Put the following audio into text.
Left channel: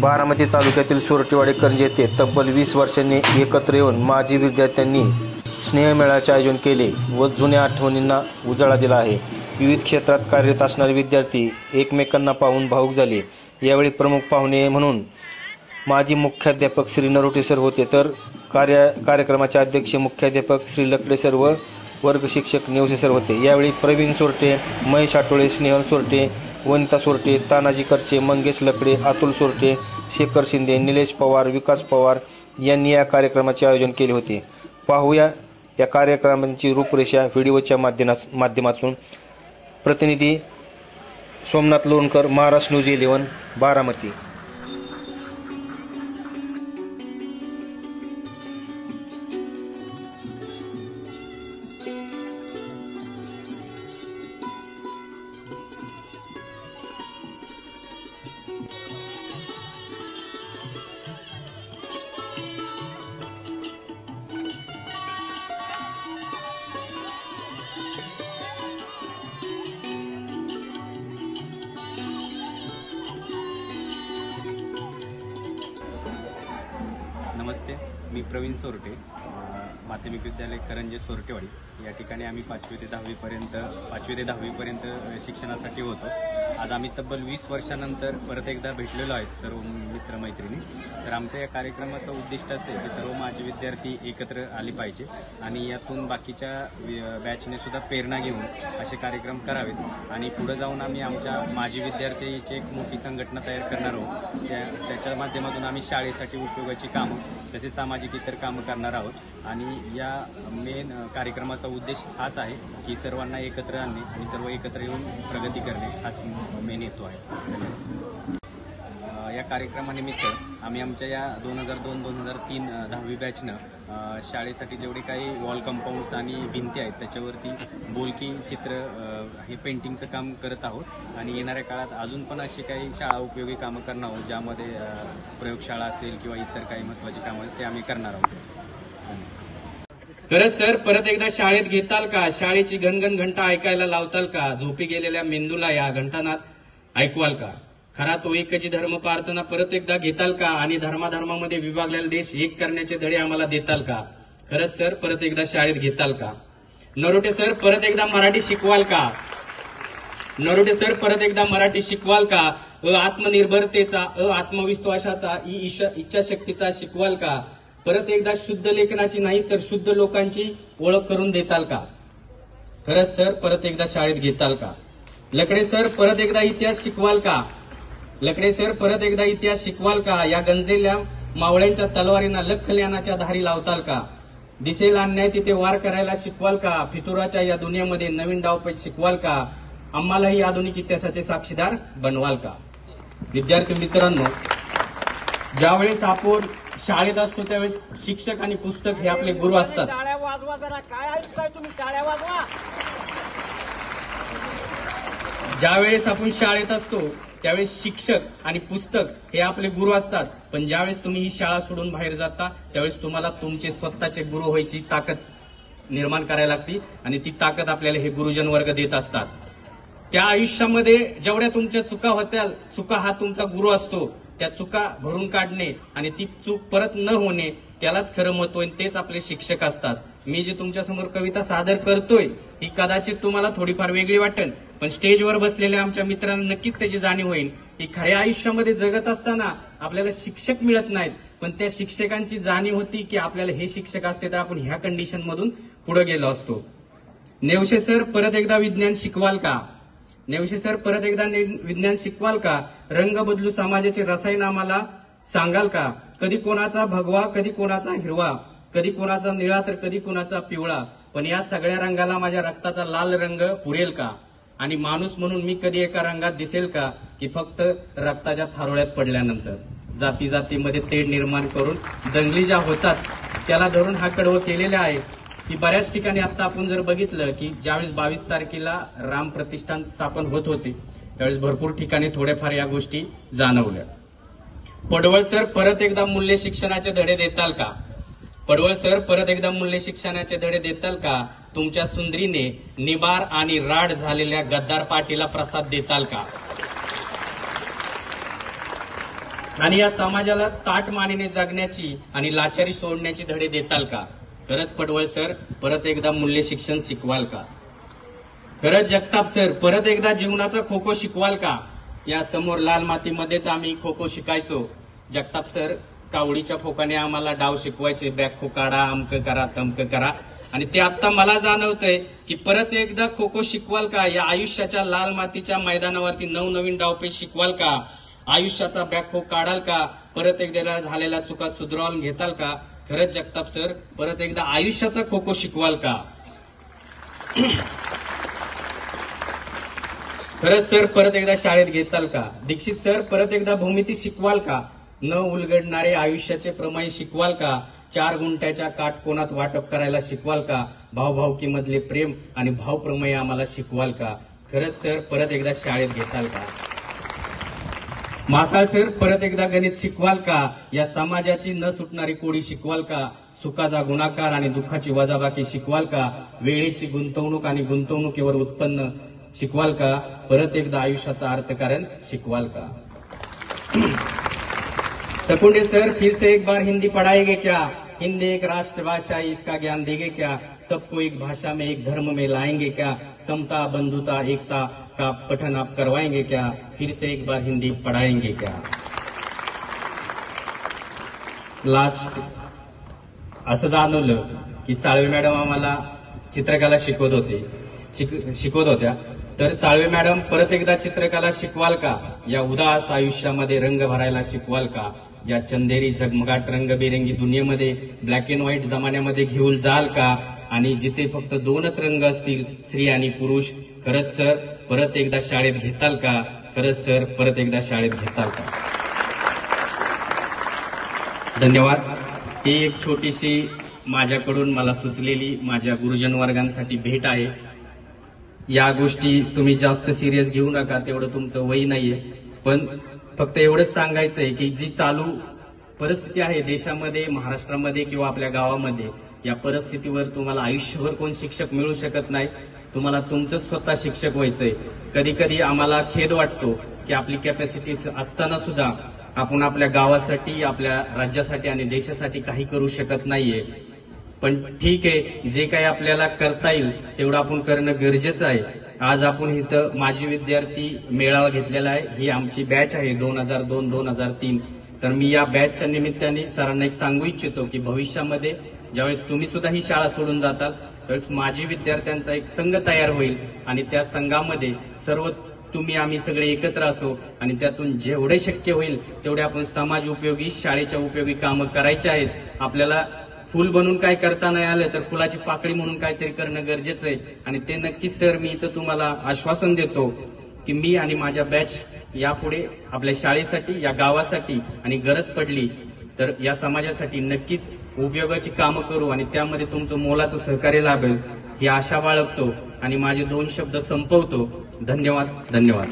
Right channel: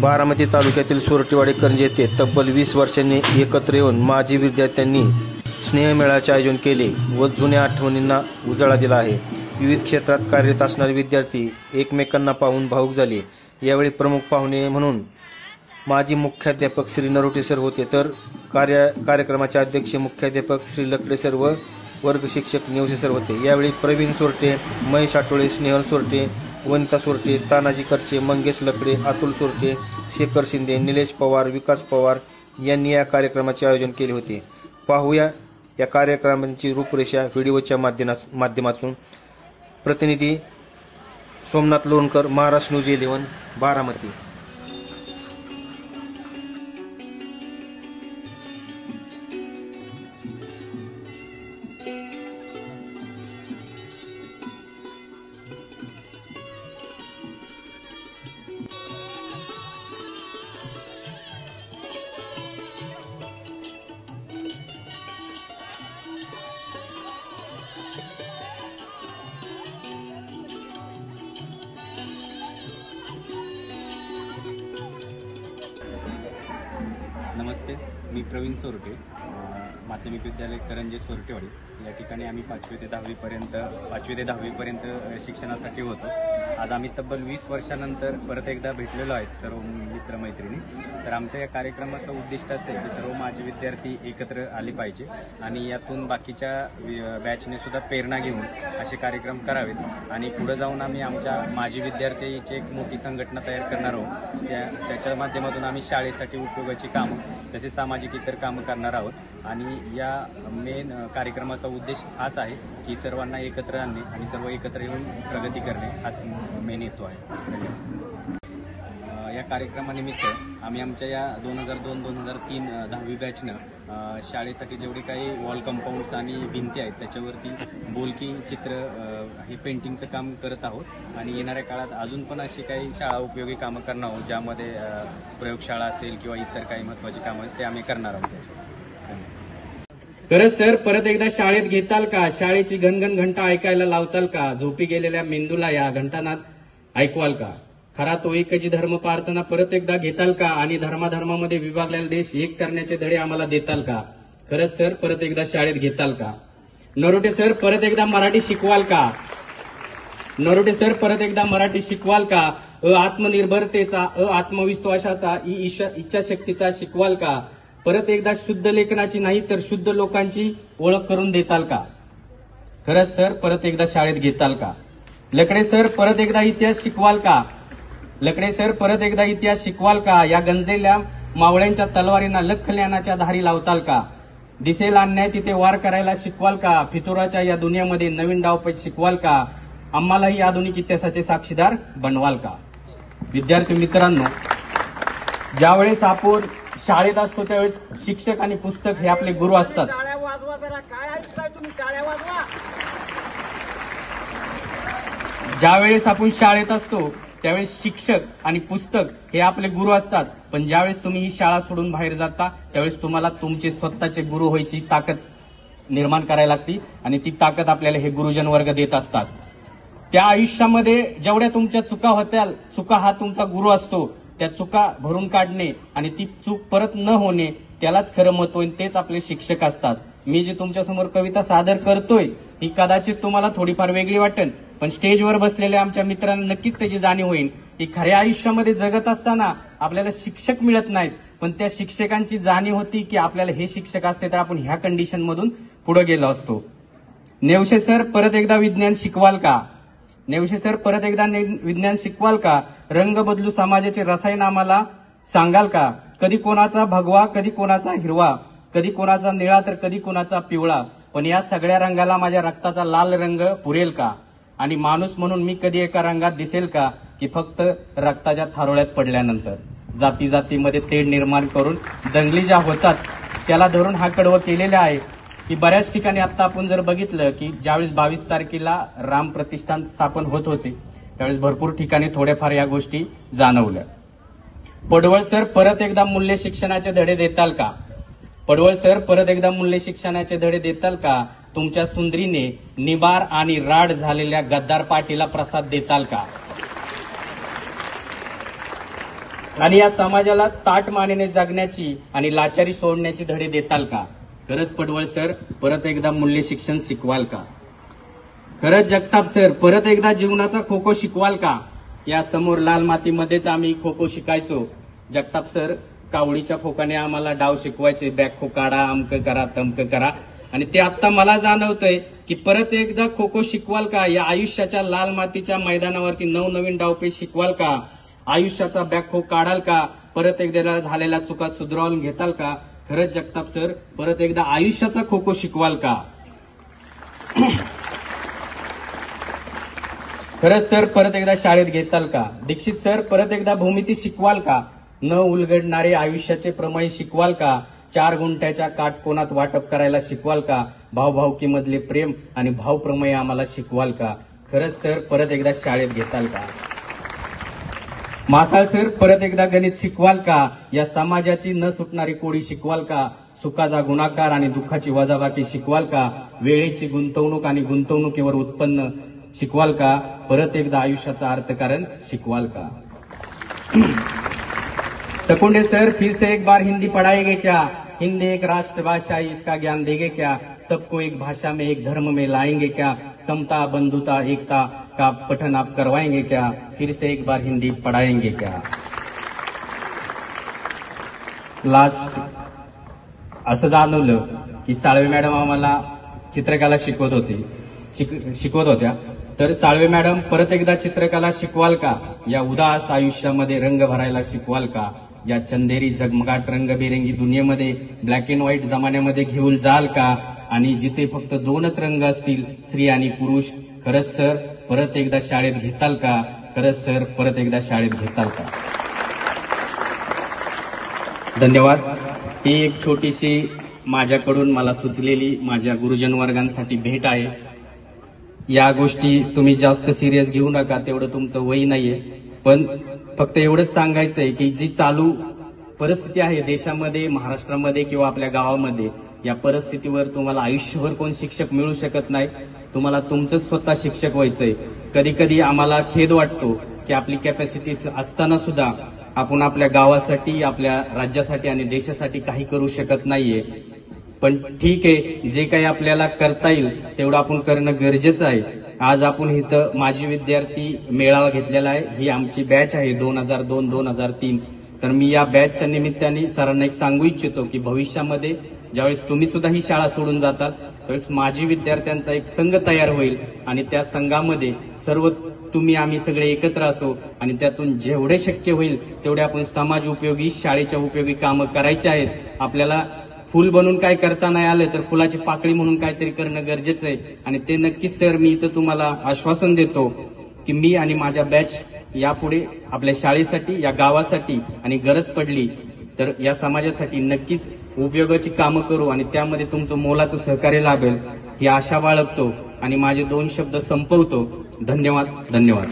बारामती तालुक्यातील सोरटेवाडी करंजे येथे तब्बल 20 वर्षांनी एकत्र येऊन माजी विद्यार्थ्यांनी स्नेहमेळाचे आयोजन केले व जुन्या आठवणींना उजाळा दिला आहे। विविध क्षेत्रात कार्यरत असणारे विद्यार्थी एकमेकांना पाहून भावुक झाले। यावेळी प्रमुख पाहुणे म्हणून माजी मुख्याध्यापक श्री नरोटे सर होते, तर कार्यक्रमाचे अध्यक्ष मुख्याध्यापक श्री लकडे सर व वर्ग शिक्षक नेवसे सर होते। यावेळी प्रवीण सोरटे, महेश आठवळे, स्नेहल सोरटे, वनिता सोरटे, तानाजी करचे, मंगेश लकडे, अतुल सोरटे, शेखर शिंदे, निलेश पवार, विकास पवार यांनी या कार्यक्रमाचे आयोजन केले होते। पाहूया या कार्यक्रमाची रूपरेषा व्हिडिओच्या माध्यमातून। प्रतिनिधी सोमनाथ लोणकर, महाराष्ट्र न्यूज 11, बारामती। नमस्ते, मी प्रवीण सोरटे, माध्यमिक विद्यालय करंजे सोरटेवाडी या ठिकाणी आम्ही 5वी ते 10वी पर्यंत शिक्षणासाठी होतो। आज आम्ही तब्बल 20 वर्षानंतर परत एकदा भेटलेलो आहेत सर्व मित्रमैत्रिणी। तर आमच्या या कार्यक्रमाचं उद्दिष्ट असं आहे की सर्व माजी विद्यार्थी एकत्र आले पाहिजे आणि यातून बाकीच्या बॅचने सुद्धा प्रेरणा घेऊन असे कार्यक्रम करावेत आणि पुढे जाऊन आम्ही आमच्या माजी विद्यार्थीची एक मोठी संघटना तयार करणार आहोत। त्याच्या माध्यमातून आम्ही शाळेसाठी उपयोगाची कामं तसेच सामाजिक इतर कामं करणार आहोत आणि या मेन कार्यक्रमाचा उद्देश हाच आहे की सर्वांना एकत्र आणणे आणि सर्व एकत्र येऊन प्रगती करणे हाच मेन हेतू आहे। धन्यवाद। या कार्यक्रमानिमित्त आम्ही आमच्या या 2002-2003 10वी बॅचनं शाळेसाठी जेवढे काही वॉल कंपाऊंड्स आणि भिंती आहेत त्याच्यावरती बोलकी चित्र हे पेंटिंगचं काम करत आहोत आणि येणाऱ्या काळात अजून पण अशी काही शाळा उपयोगी कामं करणार आहोत ज्यामध्ये प्रयोगशाळा असेल किंवा इतर काही महत्त्वाची कामं ते आम्ही करणार आहोत। खरंच सर, परत एकदा शाळेत घेताल का? शाळेची घनघन घंटा ऐकायला लावताल का? झोपी गेलेल्या मेंदूला या घंटानाद ऐकवाल का? खरा तो एकची धर्म प्रार्थना परत एकदा घेताल का? आणि धर्माधर्मामध्ये विभागलेला देश एक करण्याचे धडे आम्हाला देताल का? खरंच सर, परत एकदा शाळेत घेताल का? नरोटे सर, परत एकदा मराठी शिकवाल का? नरोटे सर, परत एकदा मराठी शिकवाल का? आत्मनिर्भरतेचा, आत्मविश्वासाचा, इच्छाशक्तीचा शिकवाल का? परत एकदा शुद्ध लेखनाची नाही तर शुद्ध लोकांची ओळख करून देताल का? खरंच सर, परत एकदा शाळेत घेताल का? लकडे सर, परत एकदा इतिहास शिकवाल का? लकडे सर, परत एकदा इतिहास शिकवाल का? या गंजलेल्या मावळ्यांच्या तलवारींना लखल्यानाच्या धारी लावताल का? दिसेल अन्याय तिथे वार करायला शिकवाल का? फितुराच्या या दुनियेमध्ये नवीन डावपेच शिकवाल का? आम्हालाही आधुनिक इतिहासाचे साक्षीदार बनवाल का? विद्यार्थी मित्रांनो, ज्यावेळेस आपण शाळेत असतो त्यावेळेस शिक्षक आणि पुस्तक हे आपले गुरु असतात। ज्यावेळेस आपण शाळेत असतो त्यावेळेस शिक्षक आणि पुस्तक हे आपले गुरु असतात, पण ज्यावेळेस तुम्ही ही शाळा सोडून बाहेर जाता त्यावेळेस तुम्हाला तुमचे स्वतःचे गुरु व्हायची ताकद निर्माण करायला लागते आणि ती ताकद आपल्याला हे गुरुजन वर्ग देत असतात। त्या आयुष्यामध्ये जेवढ्या तुमच्या चुका होत्याल, चुका हा तुमचा गुरु असतो, त्या चुका भरून काढणे आणि ती चूक परत न होणे त्यालाच खरं महत्व आहे, तेच आपले शिक्षक असतात। मी जे तुमच्यासमोर कविता सादर करतोय ही कदाचित तुम्हाला थोडीफार वेगळी वाटेल, पण स्टेजवर बसलेल्या आमच्या मित्रांना नक्कीच त्याची जाणीव होईल की खऱ्या आयुष्यामध्ये जगत असताना आपल्याला शिक्षक मिळत नाहीत, पण त्या शिक्षकांची जाणीव होती की आपल्याला हे शिक्षक असते तर आपण ह्या कंडिशन मधून पुढे गेलो असतो। नेवसे सर, परत एकदा विज्ञान शिकवाल का? नेवसे सर, परत एकदा विज्ञान शिकवाल का? रंग बदलू समाजाचे रसायन आम्हाला सांगाल का? कधी कोणाचा भगवा, कधी कोणाचा हिरवा, कधी कोणाचा निळा तर कधी कोणाचा पिवळा, पण या सगळ्या रंगाला माझ्या रक्ताचा लाल रंग पुरेल का? आणि माणूस म्हणून मी कधी एका रंगात दिसेल का की फक्त रक्ताच्या थारोळ्यात पडल्यानंतर? जाती जातीमध्ये तेढ निर्माण करून दंगली ज्या होतात त्याला धरून हा कडवं केलेला आहे की बऱ्याच ठिकाणी आता आपण जर बघितलं की ज्यावेळेस 22 तारखेला राम प्रतिष्ठान स्थापन होत होते त्यावेळेस भरपूर ठिकाणी थोड्याफार या गोष्टी जाणवल्या। पडवळ सर, परत एकदा मूल्य शिक्षणाचे धडे देताल का? पडवळ सर, परत एकदा मूल्य शिक्षणाचे धडे देताल का? तुमच्या सुंदरीने निबार आणि राड झालेल्या गद्दार पाटीला प्रसाद देताल का? आणि या समाजाला ताट मानेने जगण्याची आणि लाचारी सोडण्याची धडे देताल का? खरंच पडवळ सर, परत एकदा मूल्य शिक्षण शिकवाल का? खरंच जगताप सर, परत एकदा जीवनाचा खो खो शिकवाल का? या समोर लाल मातीमध्येच आम्ही खो खो शिकायचो. जगताप सर कावडीच्या फोकाने आम्हाला डाव शिकवायचे, बॅक खो काढा, अमक करा, तमक करा. आणि ते आता मला जाणवतंय की परत एकदा खो खो शिकवाल का? या आयुष्याच्या लाल मातीच्या मैदानावरती नवनवीन डावपेच शिकवाल का? आयुष्याचा बॅक खो काढाल का? परत एकदा झालेल्या चुका सुधारून घेताल का? खरंच जगताप सर, परत एकदा आयुष्याचा खो खो शिकवाल का? खरंच सर, परत एकदा शाळेत घेताल का? दीक्षित सर, परत एकदा भूमिती शिकवाल का? न उलगडणारे आयुष्याचे प्रमेय शिकवाल का? 4 गुंठ्याच्या काटकोनात वाटप करायला शिकवाल का? भावभावकीमधले प्रेम आणि भावप्रमेय आम्हाला शिकवाल का? खरंच सर, परत एकदा शाळेत घेताल का? मासाळ सर, परत एकदा गणित शिकवाल का? या समाजाची न सुटणारी कोडी शिकवाल का? सुखाचा गुणाकार आणि दुःखाची वजाबाकी शिकवाल का? वेळेची गुंतवणूक आणि गुंतवणुकीवर उत्पन्न शिकवाल का? परत एकदा आयुष्याचा अर्थकारण शिकवाल का? सकुंडे सर, फिर से एक बार हिंदी पढ़ाएंगे क्या? हिंदी एक राष्ट्रभाषा है, इसका ज्ञान देंगे क्या? सबको एक भाषा में, एक धर्म में लाएंगे क्या? समता, बंधुता, एकता का पठन आप करवाएंगे क्या? फिर से एक बार हिंदी पढ़ाएंगे क्या? लास्ट असं जाणवलं की साळवे मॅडम आम्हाला चित्रकला शिकवत होत्या. तर साळवे मॅडम, परत एकदा चित्रकला शिकवाल का? या उदास आयुष्यामध्ये रंग भरायला शिकवाल का? या चंदेरी झगमगाट रंगबेरंगी दुनियेमध्ये ब्लॅक अँड व्हाईट जमान्यामध्ये घेऊन जाल का? आणि जिथे फक्त 2च रंग असतील, स्त्री आणि पुरुष. खरंच सर, परत एकदा शाळेत घेताल का? खरंच सर, परत एकदा शाळेत घेताल का? धन्यवाद. ही एक छोटीशी माझ्याकडून मला सुचलेली माझ्या गुरुजन वर्गांसाठी भेट आहे. या गोष्टी तुम्ही जास्त सिरियस घेऊ नका, तेवढं तुमचं वय नाहीये. पण फक्त एवढंच सांगायचंय की जी चालू परिस्थिती आहे देशामध्ये, महाराष्ट्रामध्ये किंवा आपल्या गावामध्ये, या परिस्थितीवर तुम्हाला आयुष्यभर कोण शिक्षक मिळू शकत नाही. तुम्हाला तुमचं स्वतः शिक्षक व्हायचंय. कधी कधी आम्हाला खेद वाटतो की आपली कॅपॅसिटी असताना सुद्धा आपण आपल्या गावासाठी, आपल्या राज्यासाठी आणि देशासाठी काही करू शकत नाहीये. पण ठीक आहे, जे काही आपल्याला करता येईल तेवढं आपण करणं गरजेचं आहे. आज आपण इथं माजी विद्यार्थी मेळावा घेतलेला आहे. ही आमची बॅच आहे 2002-2003. तर मी या बॅचच्या निमित्ताने सरांना एक सांगू इच्छितो की भविष्यामध्ये ज्यावेळेस तुम्ही सुद्धा ही शाळा सोडून जाताल त्यावेळेस माजी विद्यार्थ्यांचा एक संघ तयार होईल आणि त्या संघामध्ये सर्व तुम्ही आम्ही सगळे एकत्र असू आणि त्यातून जेवढे शक्य होईल तेवढे आपण समाज उपयोगी, शाळेच्या उपयोगी कामं करायची आहेत. आपल्याला फुल बनून काय करता नाही आलं तर फुलाची पाकळी म्हणून काहीतरी करणं गरजेचं आहे. आणि ते नक्कीच सर, मी इथं तुम्हाला आश्वासन देतो की मी आणि माझ्या बॅच यापुढे आपल्या शाळेसाठी, या गावासाठी आणि गरज पडली तर या समाजासाठी नक्कीच उपयोगाची कामं करू आणि त्यामध्ये तुमचं मोलाचं सहकार्य लाभेल ही आशा बाळगतो आणि माझे 2 शब्द संपवतो. धन्यवाद.